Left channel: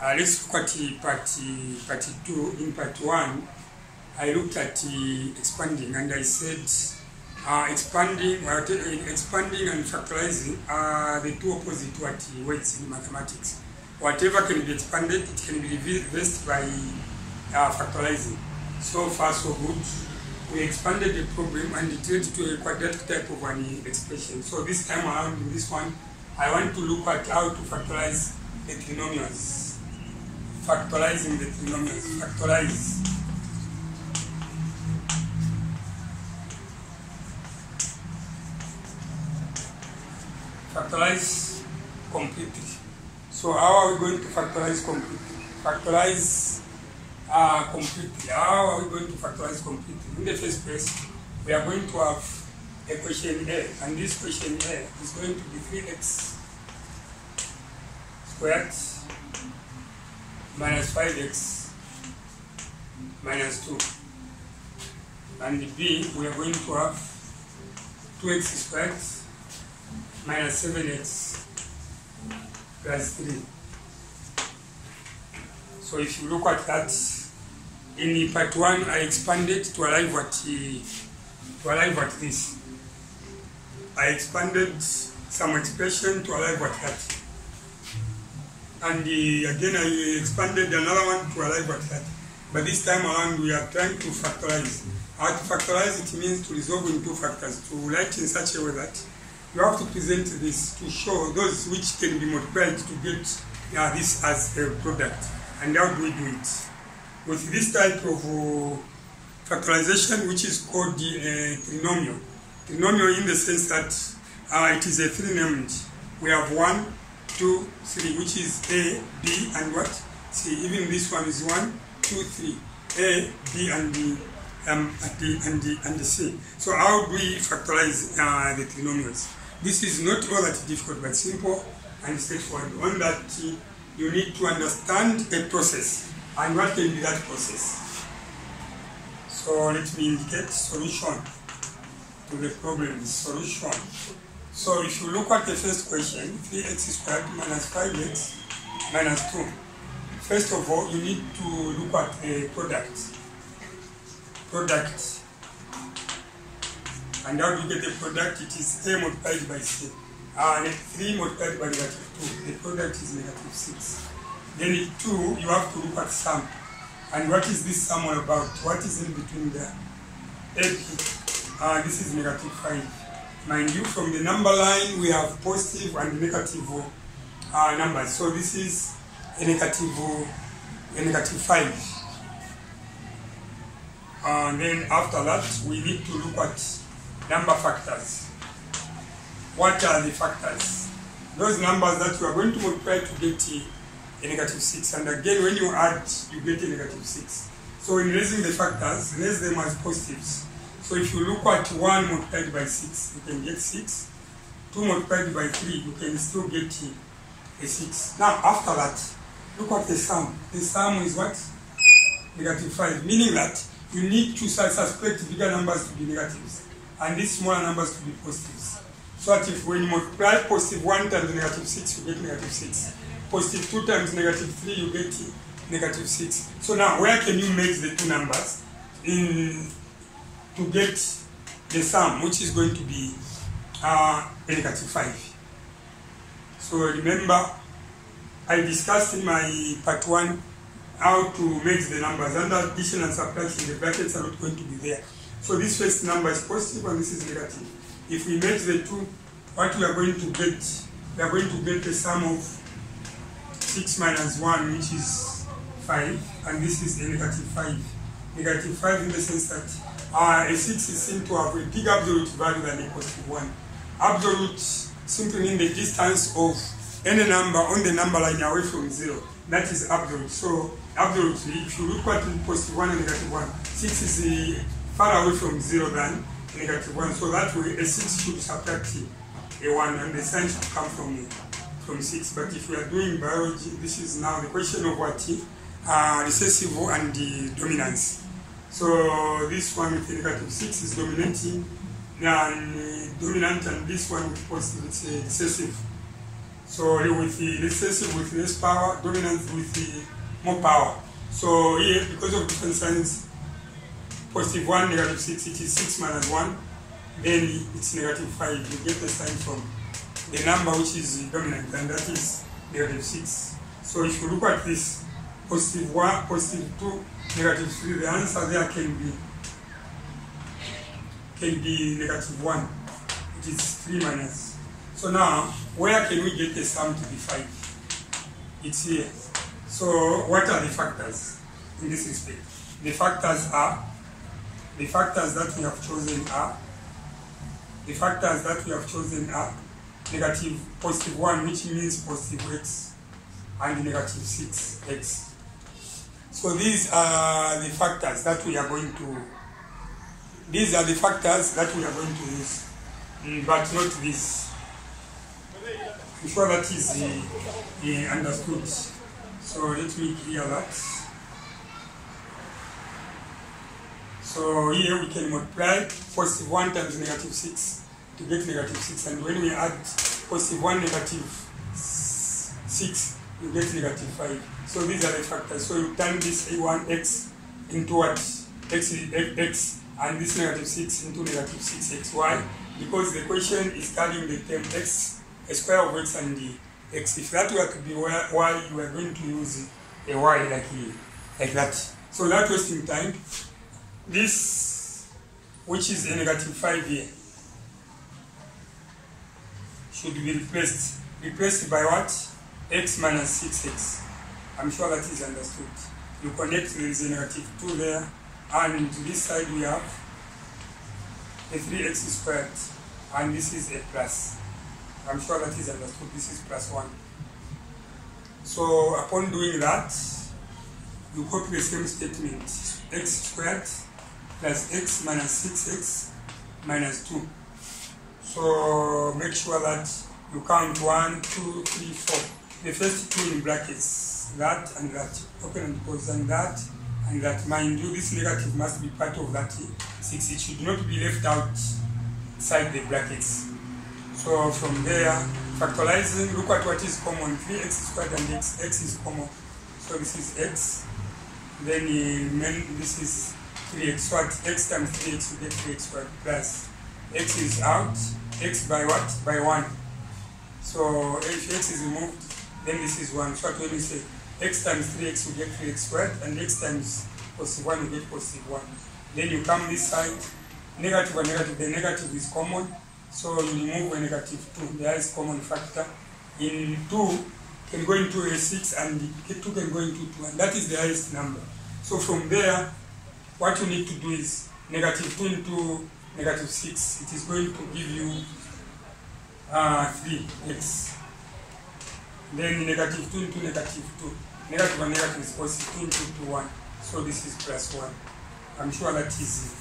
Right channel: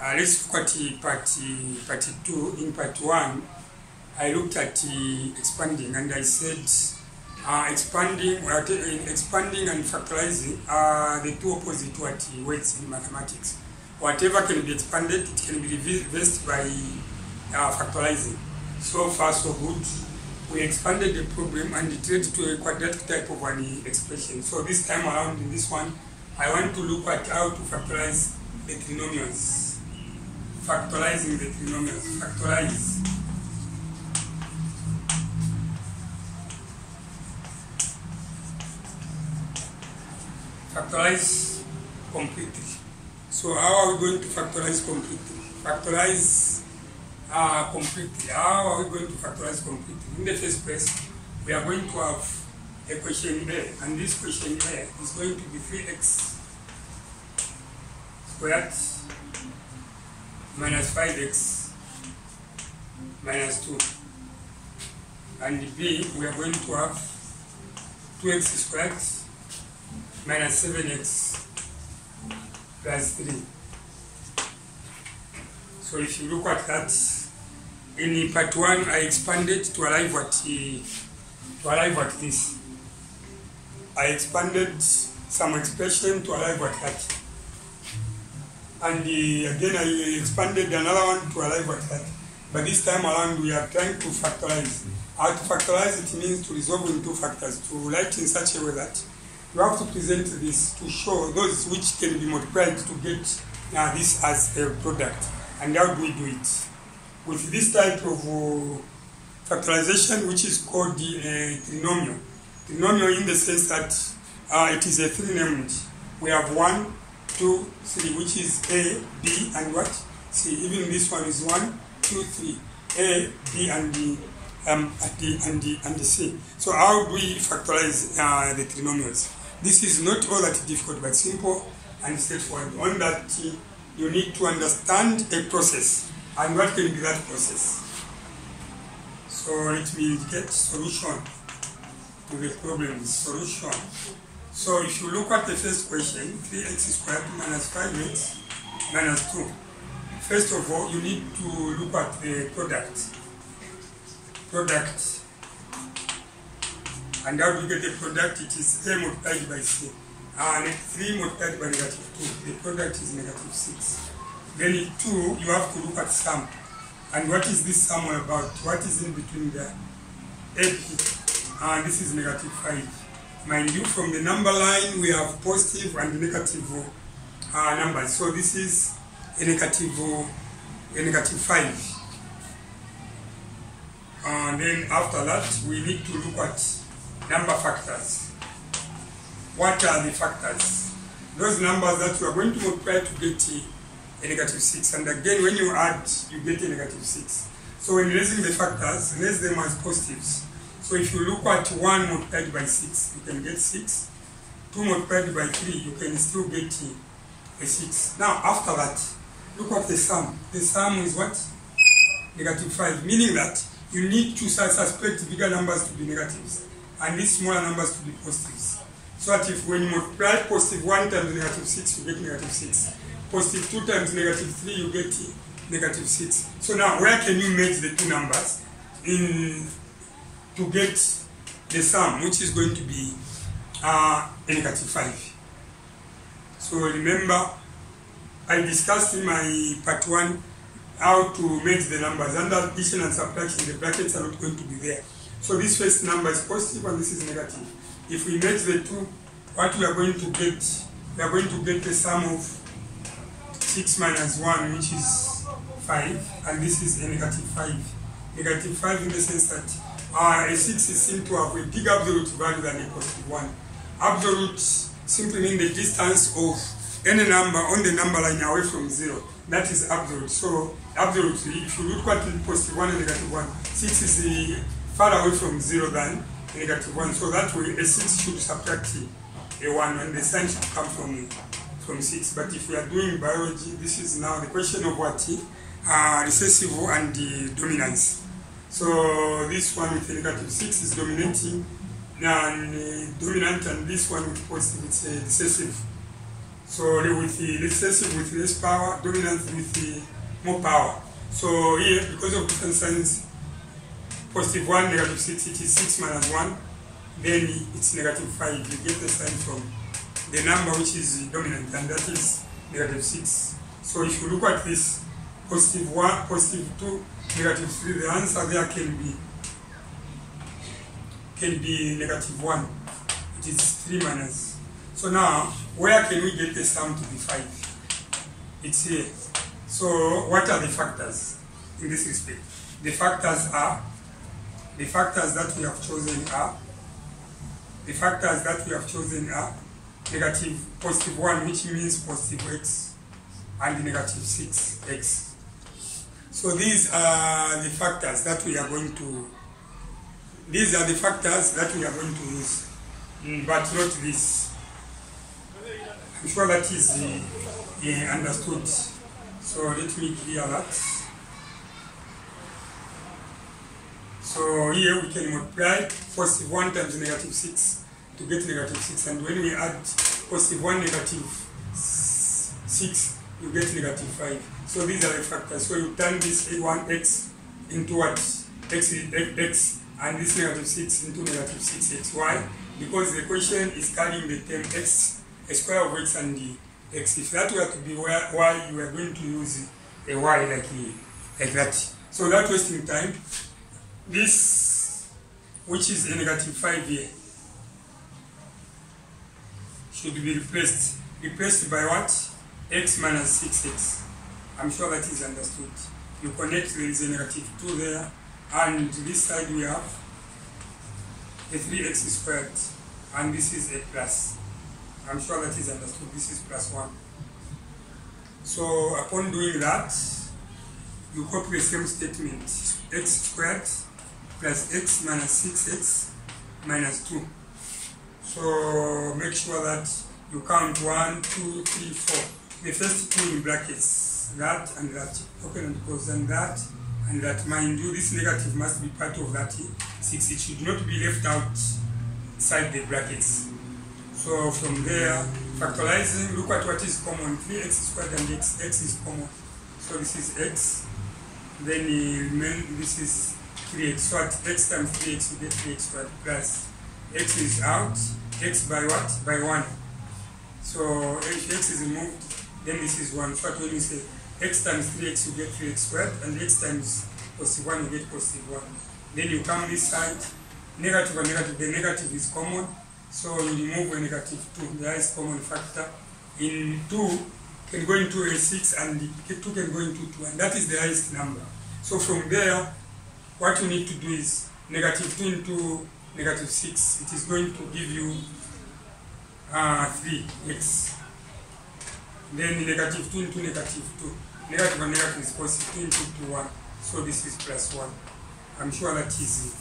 Let's look at part 2. In part 1, I looked at expanding, and I said expanding and factorizing are the two opposite words in mathematics. Whatever can be expanded, it can be reversed by factorizing. So far, so good. We expanded the problem and it led to a quadratic type of an expression. So this time around in this one, I want to look at how to factorize the trinomials. Factorizing the trinomials. Factorize completely. So how are we going to factorize completely? How are we going to factorize completely? In the first place, we are going to have a question A, and this question A is going to be 3x squared minus 5x minus 2. And B, we are going to have 2x squared minus 7x plus 3. So if you look at that, in part 1 I expanded to arrive at this. I expanded some expression to arrive at that. And again I expanded another one to arrive at that. But this time around we are trying to factorize. How to factorize it means to resolve in two factors, to write in such a way that you have to present this to show those which can be multiplied to get this as a product. And how do we do it? With this type of factorization, which is called the trinomial. Trinomial in the sense that it is a three-named. We have 1, 2, 3, which is A, B, and what? C. Even this one is 1, 2, 3. A, B, and D, and the C. So how do we factorize the trinomials? This is not all that difficult, but simple and straightforward. On that, you need to understand a process. And what can be that process? So let me indicate solution to the problem. Solution. So if you look at the first question, 3x squared minus 5x minus 2. First of all, you need to look at a product. And how do you get the product? It is A multiplied by C. And 3 multiplied by -2. The product is -6. Then in 2, you have to look at sum. And what is this sum all about? What is in between there? This is -5. Mind you, from the number line, we have positive and negative numbers. So this is a negative 5. And then after that, we need to look at number factors. What are the factors? Those numbers that you are going to multiply to get a -6. And again, when you add, you get a -6. So when raising the factors, raise them as positives. So if you look at 1 multiplied by 6, you can get 6. 2 multiplied by 3, you can still get a 6. Now after that, look at the sum. The sum is what? -5, meaning that you need to suspect bigger numbers to be negatives and these smaller numbers to be positives. So that if when you multiply positive 1 times -6, you get -6. Positive 2 times -3, you get -6. So now where can you merge the two numbers to get the sum, which is going to be a -5? So remember, I discussed in my part 1 how to merge the numbers. Under addition and subtraction, the brackets are not going to be there. So this first number is positive and this is negative. If we merge the two, what we are going to get? We are going to get the sum of 6 minus 1, which is 5, and this is a -5. -5 in the sense that a 6 is seen to have a big absolute value than a +1. Absolute simply means the distance of any number on the number line away from 0. That is absolute. So absolutely, if you look at +1 and -1, 6 is far away from 0 than -1. So that way a 6 should subtract a 1 and the sign should come from 6. But if we are doing biology, this is now the question of what? Recessive and the dominance. So this one with -6 is dominating and dominant, and this one with positive, it's a recessive. So with the recessive with less power, dominant with the more power. So here, because of different signs, positive 1, negative 6, it is 6 minus 1, then it's negative 5. You get the sign from the number which is dominant, and that is negative 6. So if you look at this, positive 1, positive 2, negative 3, the answer there can be negative 1. It is 3 minus. So now, where can we get the sum to be 5? It's here. So what are the factors in this respect? The factors that we have chosen are negative positive 1, which means positive x, and negative 6x. So these are the factors that we are going to use, but not this. I'm sure that is understood. So let me clear that. So here we can multiply positive 1 times negative 6 to get negative 6, and when we add positive 1 negative 6, you get negative 5. So these are the factors. So you turn this a1x into what? X, and this negative 6 into negative 6x. Why? Because the question is carrying the term x, a square of x and the x. If that were to be y, you are going to use a y like that. So without wasting time, this, which is a negative 5 here, should be replaced. Replaced by what? X minus 6x. I'm sure that is understood. You connect, there is a negative 2 there, and this side we have a 3x squared, and this is a plus. I'm sure that is understood. This is plus 1. So upon doing that, you copy the same statement. X squared plus x minus 6x minus 2. So make sure that you count 1, 2, 3, 4. The first two in brackets, that and that, open and close, and that and that. Mind you, this negative must be part of that 6. It should not be left outside the brackets. So from there, factorizing, look at what is common. 3x squared and x is common. So this is x. Then this is 3x. So at x times 3x, you get 3x squared plus x is out. X by what? By 1. So if x is removed, then this is 1. So when you say x times 3x, you get 3x squared, and x times positive 1, you get positive 1. Then you come this side, negative and negative. The negative is common, so you remove a negative 2. There is common factor. In 2 can go into a 6, and 2 can go into 2, and that is the highest number. So from there, what you need to do is negative 2 into negative 6. It is going to give you 3x. Then negative 2 into negative 2. Negative and negative is positive. 2 into 2, 1. So this is plus 1. I'm sure that is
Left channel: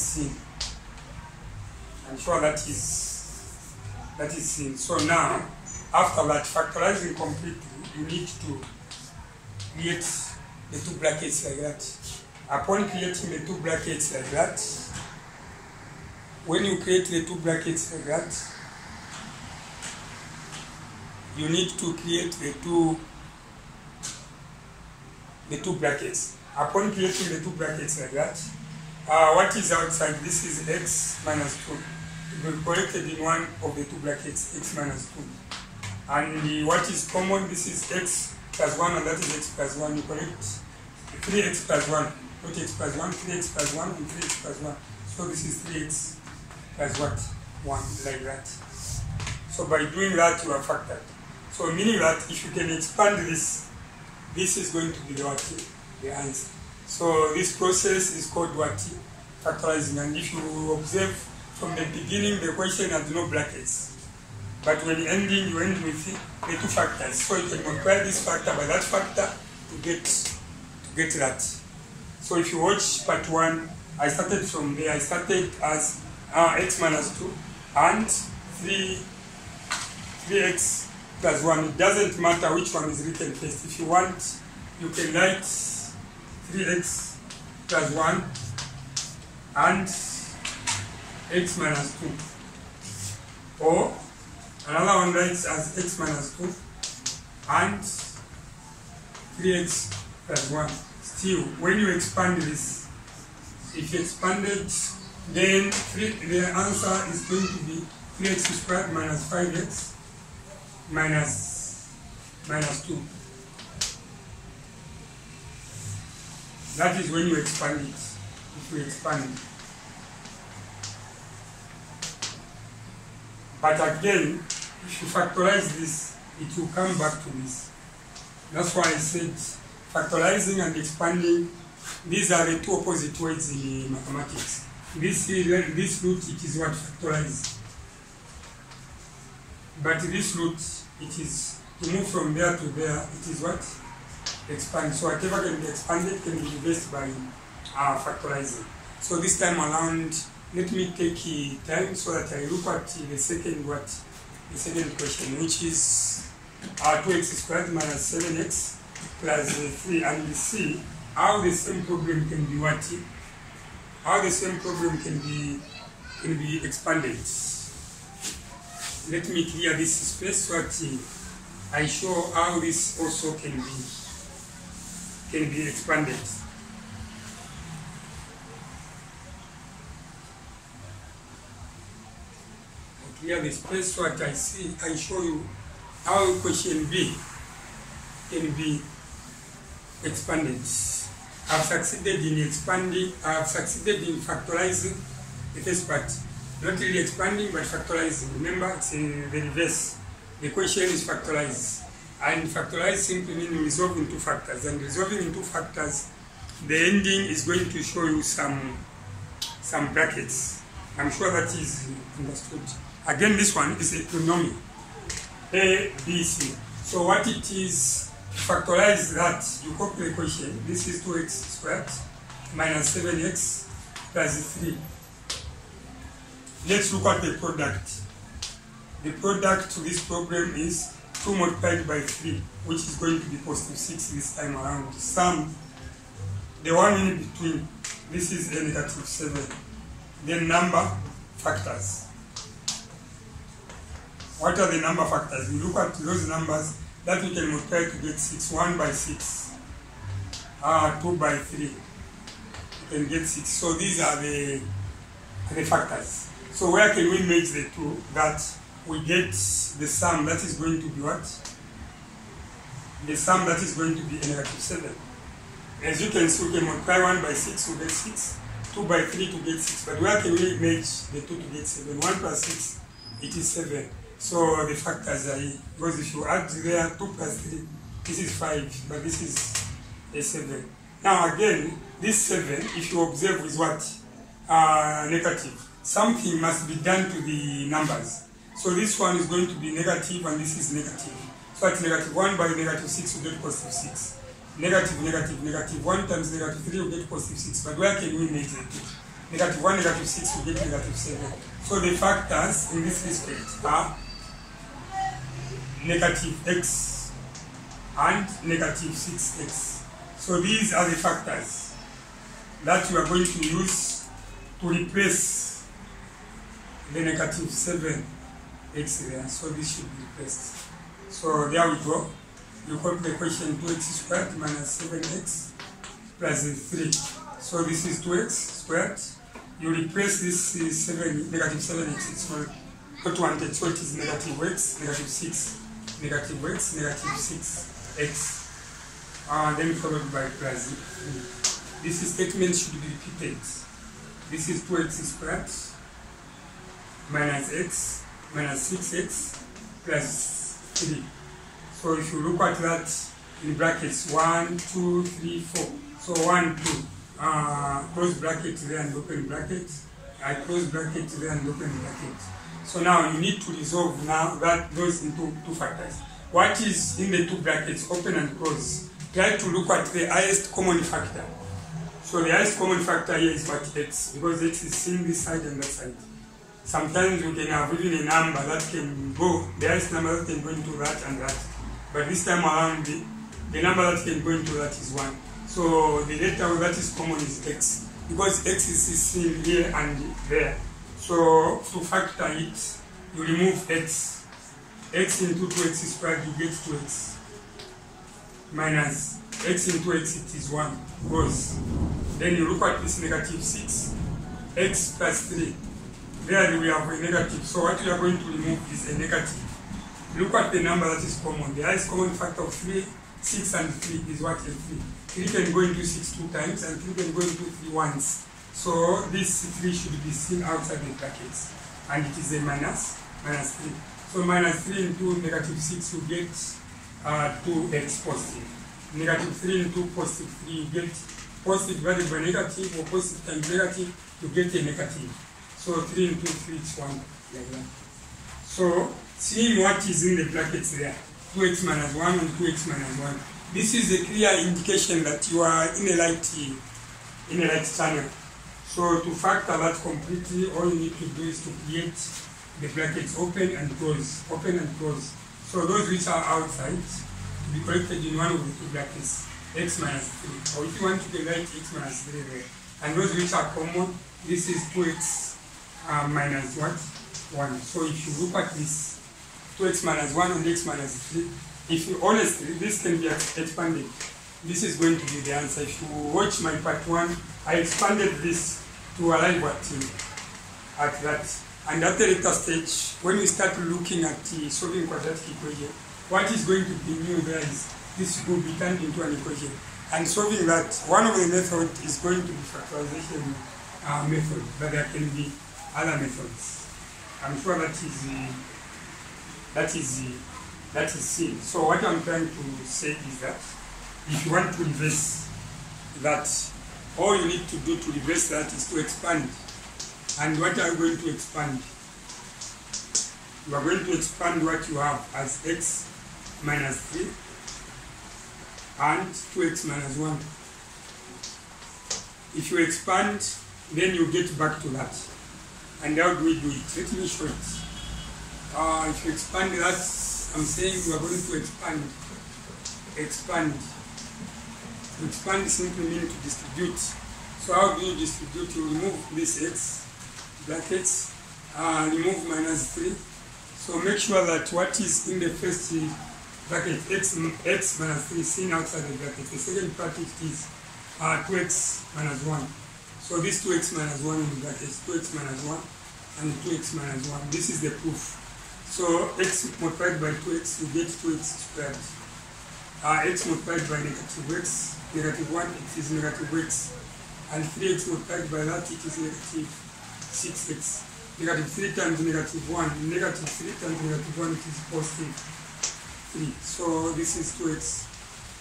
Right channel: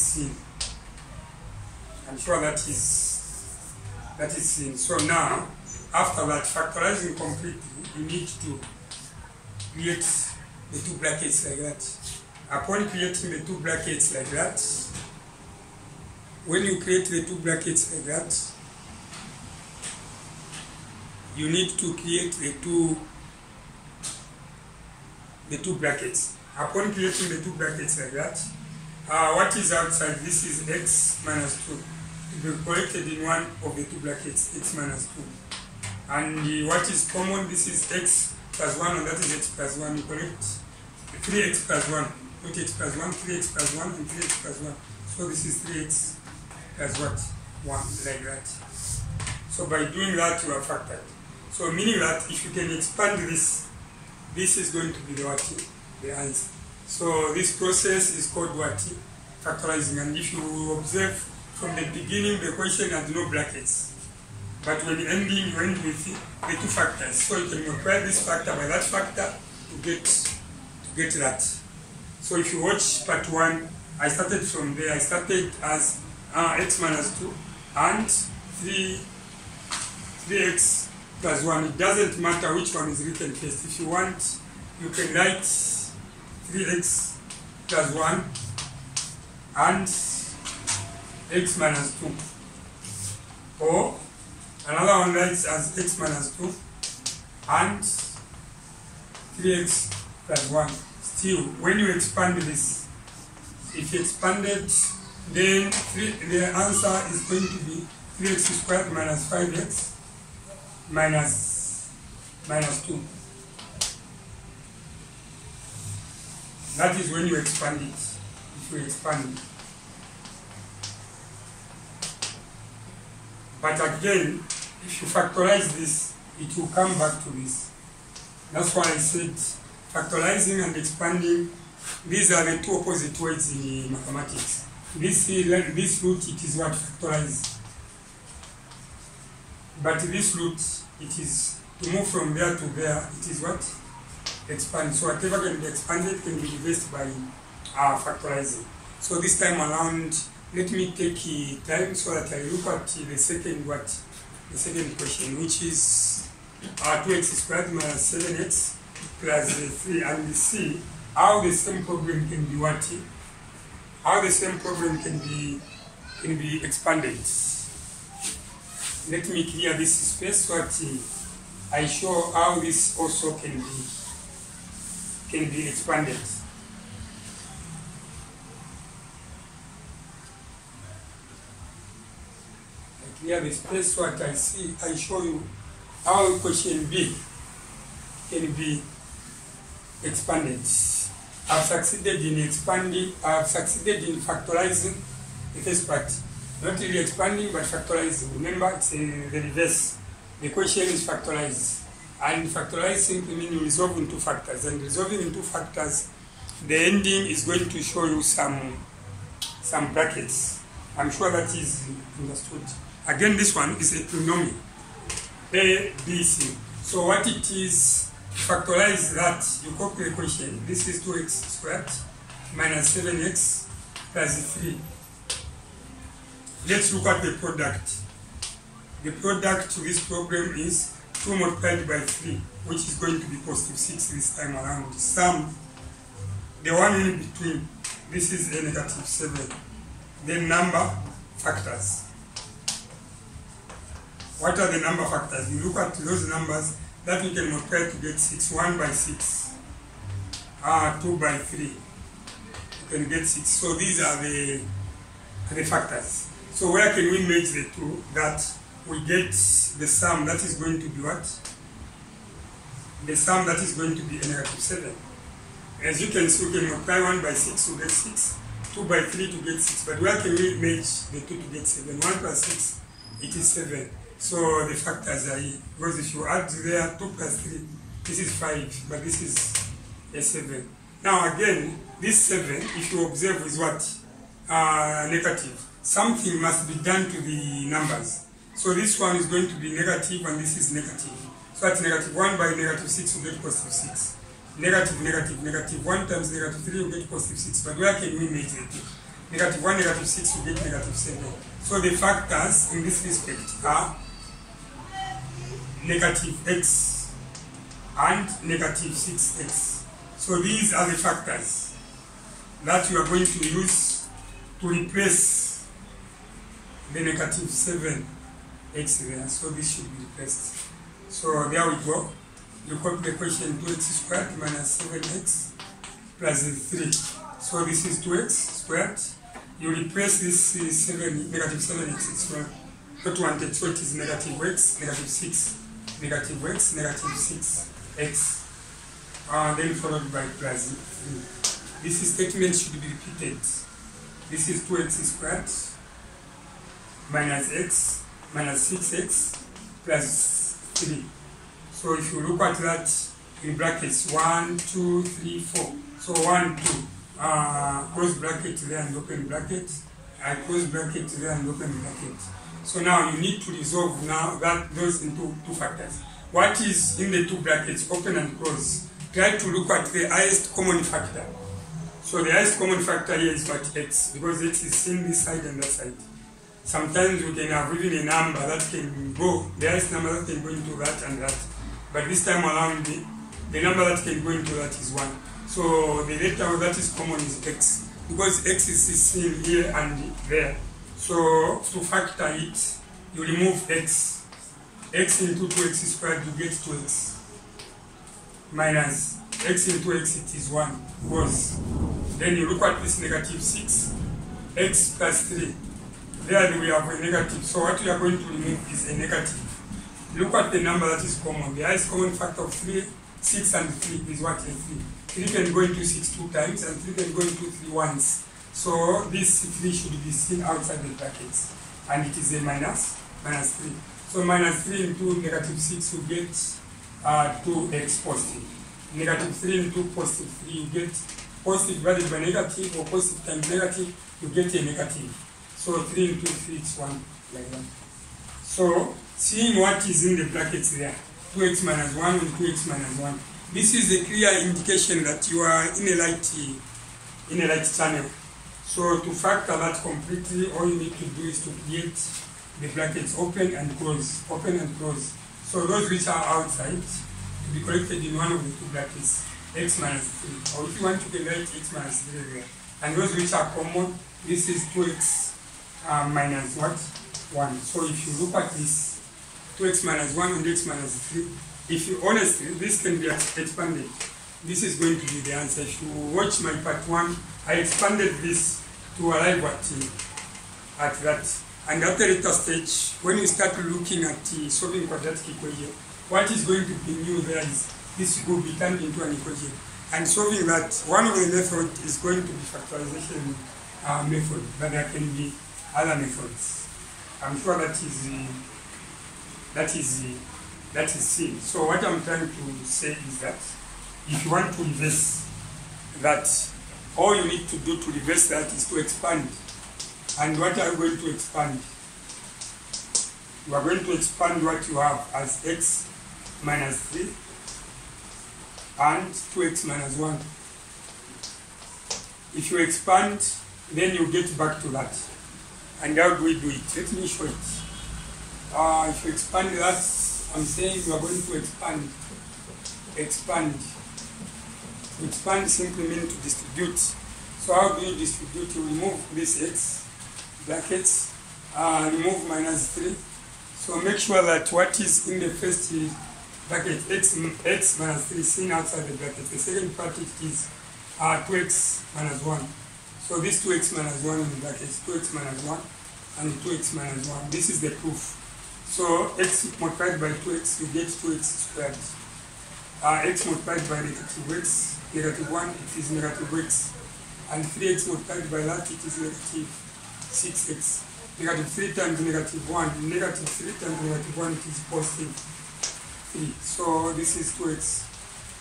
seen. I'm sure that is seen. So now, after that, factorizing completely, you need to create the two brackets like that. Upon creating the two brackets like that, when you create the two brackets like that, you need to create the two brackets. Upon creating the two brackets like that, what is outside? This is x minus 2. It will be collected in one of the two brackets, x minus 2. And what is common? This is x plus 1, and that is x plus 1. You collect 3x plus 1, not x plus 1, 3x plus 1, and 3x plus 1. So this is 3x plus what? 1, like that. So by doing that, you are factored. So meaning that if you can expand this, this is going to be the answer. So this process is called what? Factorizing. And if you observe from the beginning, the question had no brackets. But when ending, you end with the two factors. So you can multiply this factor by that factor to get that. So if you watch part 1, I started from there. I started as x minus 2 and 3x plus 1. It doesn't matter which one is written first. If you want, you can write 3x plus 1 and x minus 2. Or Another one writes as x minus 2 and 3x plus 1. Still, when you expand this, if you expanded, then the answer is going to be 3x squared minus 5x minus 2. That is when you expand it, if you expand it. But again, if you factorize this, it will come back to this. That's why I said factorizing and expanding, these are the two opposite words in mathematics. This root, it is what factorize. But this root, it is to move from there to there, it is what? Expand. So whatever can be expanded can be reversed by factorizing. So this time around, let me take time so that I look at the second question, which is 2x squared minus 7x plus 3, and we see how the same problem can be what? How the same problem can be expanded. Let me clear this space so that I show how this also can be expanded. Clear the space so that I show you how question B can be expanded. I've succeeded in expanding, I've succeeded in factorizing the first part. Not really expanding, but factorizing. Remember, it's in the reverse. The question is factorized. And factorize simply means you resolve into factors. And resolving into factors, the ending is going to show you some brackets. I'm sure that is understood. Again, this one is a polynomial, A, B, C. So what it is, to factorize that, you copy the equation. This is 2x squared minus 7x plus 3. Let's look at the product. The product to this problem is 2 multiplied by 3, which is going to be positive 6 this time around. Sum, the one in between, this is a negative 7. Then number factors. What are the number factors? You look at those numbers that we can multiply to get 6. 1 by 6. 2 by 3. You can get 6. So these are the factors. So where can we make the 2? That we get the sum that is going to be what? The sum that is going to be a negative 7. As you can see, we can multiply 1 by 6 to get 6. 2 by 3 to get 6. But where can we make the 2 to get 7? 1 plus 6, it is 7. So the factors are here. Because if you add there 2 plus 3, this is 5, but this is a 7. Now again, this 7, if you observe, is what? Negative. Something must be done to the numbers. So this one is going to be negative and this is negative. So that's negative 1 by negative 6, you get positive 6. Negative, negative, negative. 1 times negative 3, you get positive 6. But where can we make the 2? Negative 1, negative 6, you get negative 7. So the factors in this respect are negative x and negative 6x. So these are the factors that you are going to use to replace the negative 7x there. So this should be replaced. So there we go. You copy the equation 2x squared minus 7x plus 3. So this is 2x squared. You replace this negative 7x. It's not wanted. So it is negative x, negative 6, negative x, negative 6x. Then followed by plus 3. This statement should be repeated. This is 2x squared minus x minus 6x plus 3. So if you look at that in brackets, 1, 2, 3, 4. So 1, 2, close bracket there and open bracket. I close bracket there and open bracket. So now you need to resolve now those into two factors. What is in the two brackets, open and close? Try to look at the highest common factor. So the highest common factor here is what? X, because X is seen this side and that side. Sometimes you can have even a number that can go, the highest number that can go into that and that. But this time around, the number that can go into that is 1. So the letter that is common is X, because X is seen here and there. So to factor it, you remove X x into 2x squared, you get 2x minus x into x, it is 1, goes. Then you look at this negative 6, x plus 3. There we have a negative, so what we are going to remove is a negative. Look at the number that is common. The highest common factor of 3, 6 and 3 is what? A 3. 3 can go into 6 2 times and 3 can go into 3 once. So this 3 should be seen outside the brackets. And it is a minus 3. So minus 3 into negative 6, you get 2x positive. Negative 3 into positive 3, you get positive divided by negative, or positive times negative, you get a negative. So 3 into 3 is 1, like that. So seeing what is in the brackets there, 2x minus 1 and 2x minus 1, this is a clear indication that you are in a light channel. So to factor that completely, all you need to do is to create the brackets open and close, open and close. So those which are outside to be collected in one of the two brackets, x minus 3. Or if you want, you can write x minus 3 there. And those which are common, this is 2x minus what? 1. So if you look at this, 2x minus 1 and x minus 3, if you honestly, this can be expanded. This is going to be the answer. If you watch my part 1, I expanded this to arrive at that. And at the later stage, when we start looking at solving quadratic equation, what is going to be new there is this will be turned into an equation. And solving that, one of the methods is going to be factorization method, but there can be other methods. I'm sure that is seen. So what I'm trying to say is that if you want to reverse that, all you need to do to reverse that is to expand. And what are you going to expand? You are going to expand what you have as x minus 3 and 2x minus 1. If you expand, then you get back to that. And how do we do it? Let me show it. If you expand that, I'm saying you are going to expand. To expand simply means to distribute. So how do you distribute? You remove this x, brackets, remove minus 3. So make sure that what is in the first bracket, x minus 3, is seen outside the bracket. The second part it is 2x minus 1. So this 2x minus 1 in the brackets, 2x minus 1 and 2x minus 1. This is the proof. So x multiplied by 2x, you get 2x squared. X multiplied by negative 1, it is negative x. And 3x multiplied by that, it is negative 6x. Negative 3 times negative 1, negative 3 times negative 1, it is positive 3. So this is 2x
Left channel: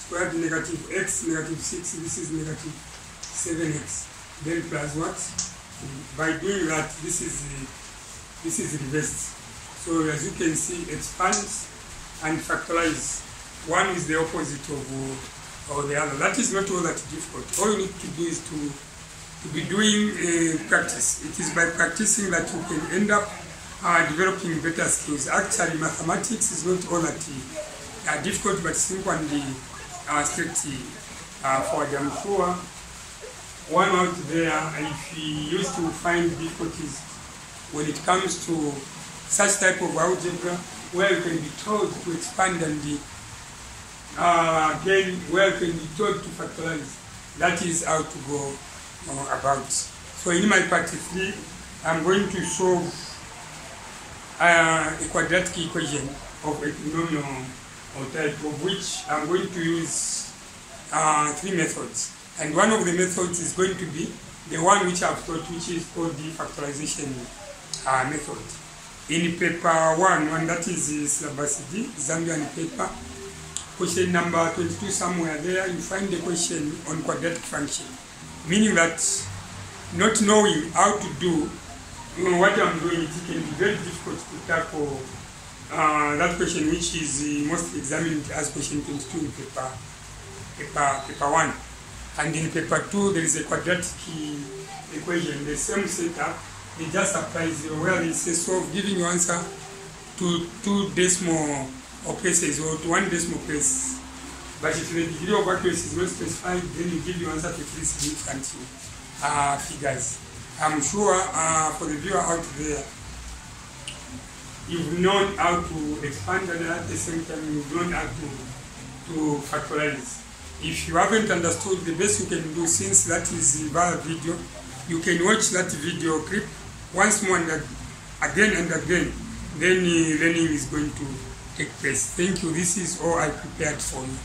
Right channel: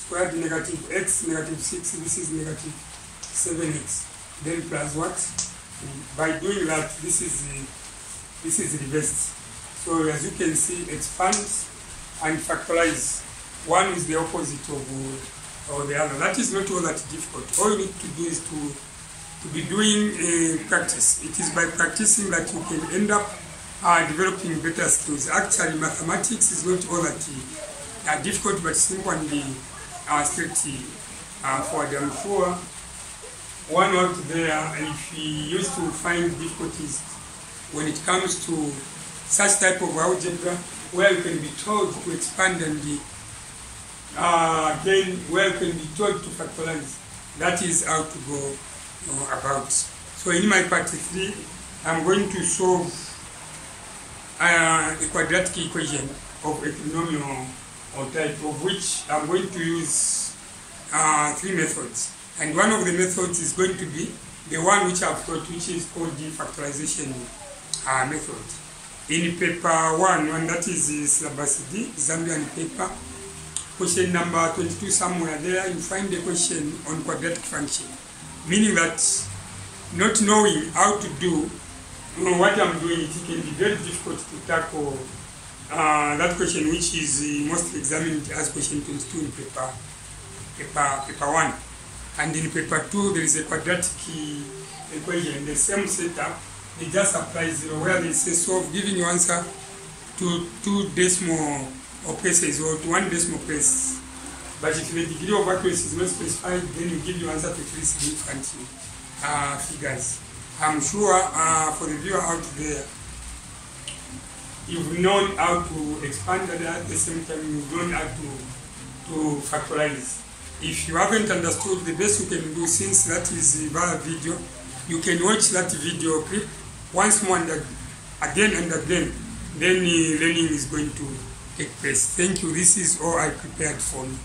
squared, negative x, negative 6, this is negative 7x. Then plus what? By doing that, this is reversed. So as you can see, expand and factorize. One is the opposite of the other. That is not all that difficult. All you need to do is to be doing practice. It is by practicing that you can end up developing better skills. Actually, mathematics is not all that difficult, but simple and straightforward. I'm sure one out there, if he used to find difficulties when it comes to such type of algebra, where you can be told to expand and then where you can be told to factorize, that is how to go about. So in my part 3, I'm going to solve a quadratic equation of a polynomial type, of which I'm going to use 3 methods. And one of the methods is going to be the one which I've taught, which is called the factorization method. In paper 1, and that is syllabus D, Zambian paper, question number 22 somewhere there, you find the question on quadratic function. Meaning that not knowing how to do what I'm doing, it can be very difficult to tackle that question, which is mostly examined as question 22 in paper 1. And in paper 2, there is a quadratic equation, the same setup. They just apply 0, where they say solve, giving your answer to 2 decimal places or to 1 decimal place. But if the degree of accuracy is not specified, then you give your answer to 3 significant figures. I'm sure for the viewer out there, you've known how to expand, and at the same time you've known how to factorize. If you haven't understood, the best you can do, since that is via video, you can watch that video clip once more and again and again. Then learning is going to take place. Thank you. This is all I prepared for you.